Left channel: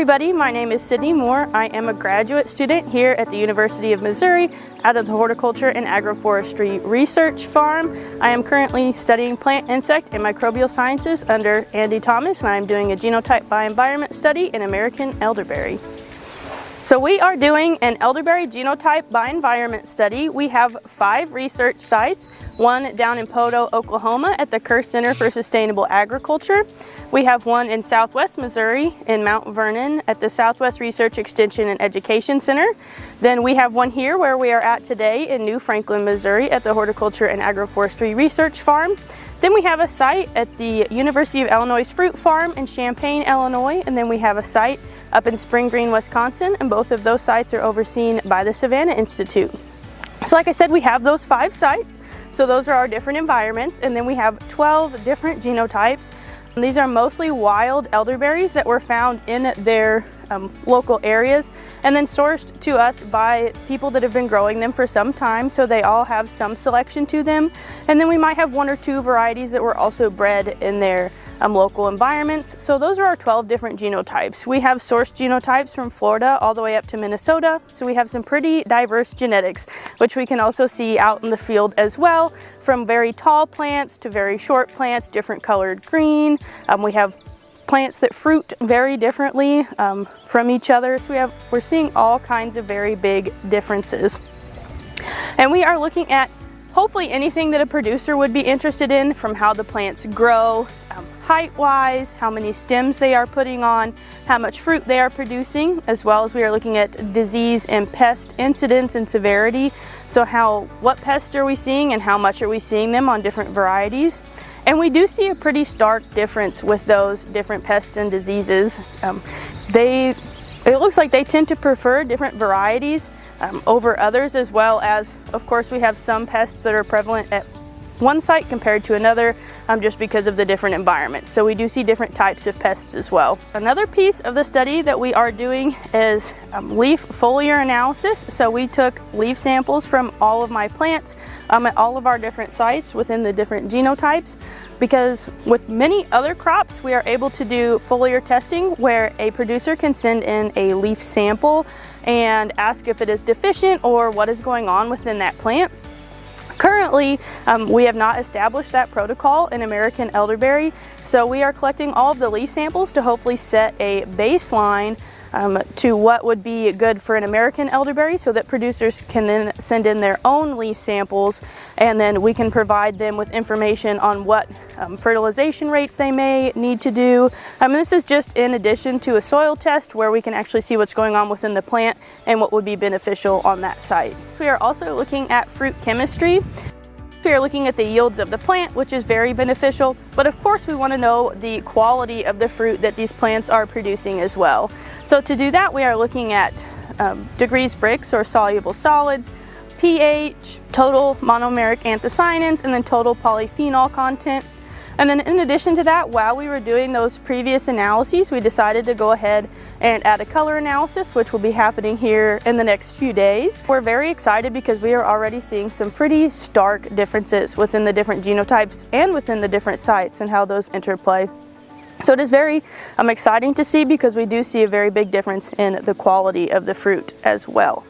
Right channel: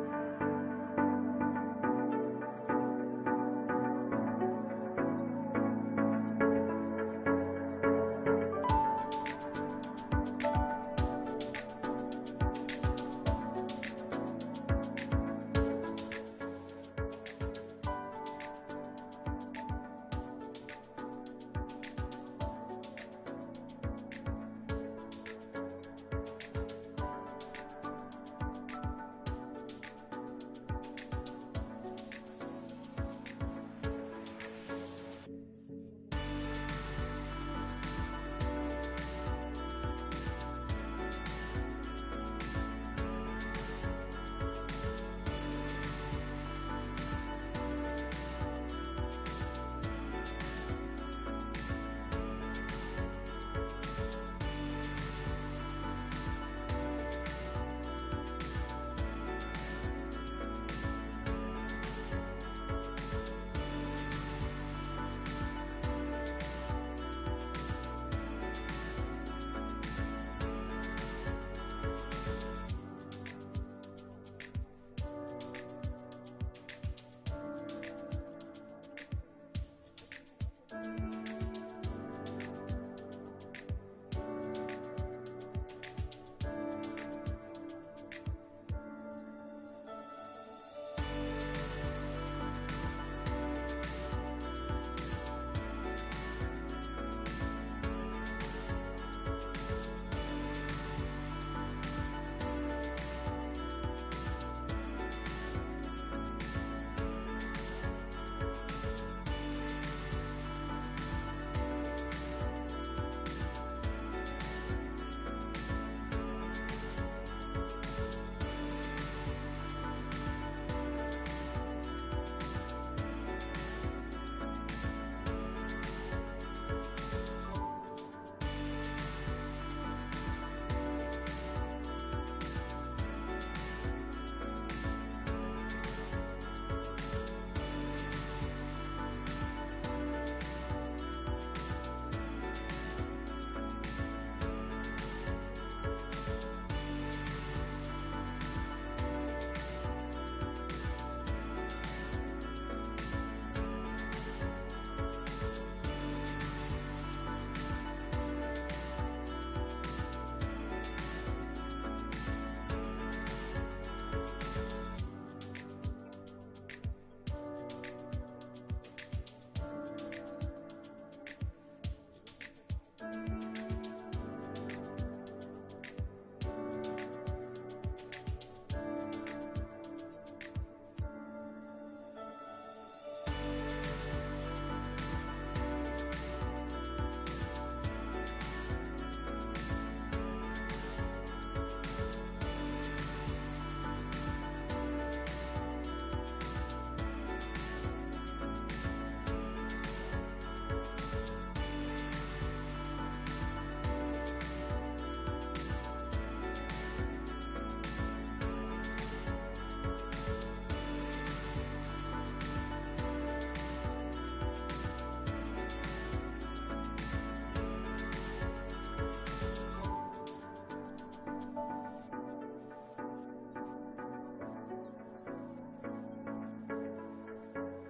everybody, my name is Sydney Moore. I am a graduate student here at the University of Missouri out of the Horticulture and Agroforestry Research Farm. I am currently studying plant, insect, and microbial sciences under Andy Thomas, and I am doing a genotype by environment study in American elderberry. So we are doing an elderberry genotype by environment study. We have 5 research sites, one down in Poto, Oklahoma at the Kerr Center for Sustainable Agriculture. We have one in Southwest Missouri in Mount Vernon at the Southwest Research Extension and Education Center. Then we have one here where we are at today in New Franklin, Missouri at the Horticulture and Agroforestry Research Farm. Then we have a site at the University of Illinois Fruit Farm in Champaign, Illinois, and then we have a site up in Spring Green, Wisconsin, and both of those sites are overseen by the Savannah Institute. So like I said, we have those 5 sites, so those are our different environments, and then we have 12 different genotypes. And these are mostly wild elderberries that were found in their local areas and then sourced to us by people that have been growing them for some time, so they all have some selection to them. And then we might have 1 or 2 varieties that were also bred in their local environments. So those are our 12 different genotypes. We have sourced genotypes from Florida all the way up to Minnesota, so we have some pretty diverse genetics, which we can also see out in the field as well, from very tall plants to very short plants, different colored green. We have plants that fruit very differently from each other, so we're seeing all kinds of very big differences. And we are looking at hopefully anything that a producer would be interested in, from how the plants grow, height-wise, how many stems they are putting on, how much fruit they are producing, as well as we are looking at disease and pest incidence and severity. So what pests are we seeing and how much are we seeing them on different varieties? And we do see a pretty stark difference with those different pests and diseases. It looks like they tend to prefer different varieties over others, as well as, of course, we have some pests that are prevalent at one site compared to another, just because of the different environments. So we do see different types of pests as well. Another piece of the study that we are doing is leaf foliar analysis. So we took leaf samples from all of my plants at all of our different sites within the different genotypes, because with many other crops we are able to do foliar testing where a producer can send in a leaf sample and ask if it is deficient or what is going on within that plant. Currently, we have not established that protocol in American elderberry, so we are collecting all of the leaf samples to hopefully set a baseline to what would be good for an American elderberry, so that producers can then send in their own leaf samples, and then we can provide them with information on what fertilization rates they may need to do. This is just in addition to a soil test where we can actually see what's going on within the plant and what would be beneficial on that site. We are also looking at fruit chemistry. We are looking at the yields of the plant, which is very beneficial, but of course we want to know the quality of the fruit that these plants are producing as well. So to do that, we are looking at degrees Brix or soluble solids, pH, total monomeric anthocyanins, and then total polyphenol content. And then in addition to that, while we were doing those previous analyses, we decided to go ahead and add a color analysis, which will be happening here in the next few days. We're very excited because we are already seeing some pretty stark differences within the different genotypes and within the different sites and how those interplay. So it is very exciting to see, because we do see a very big difference in the quality of the fruit as well.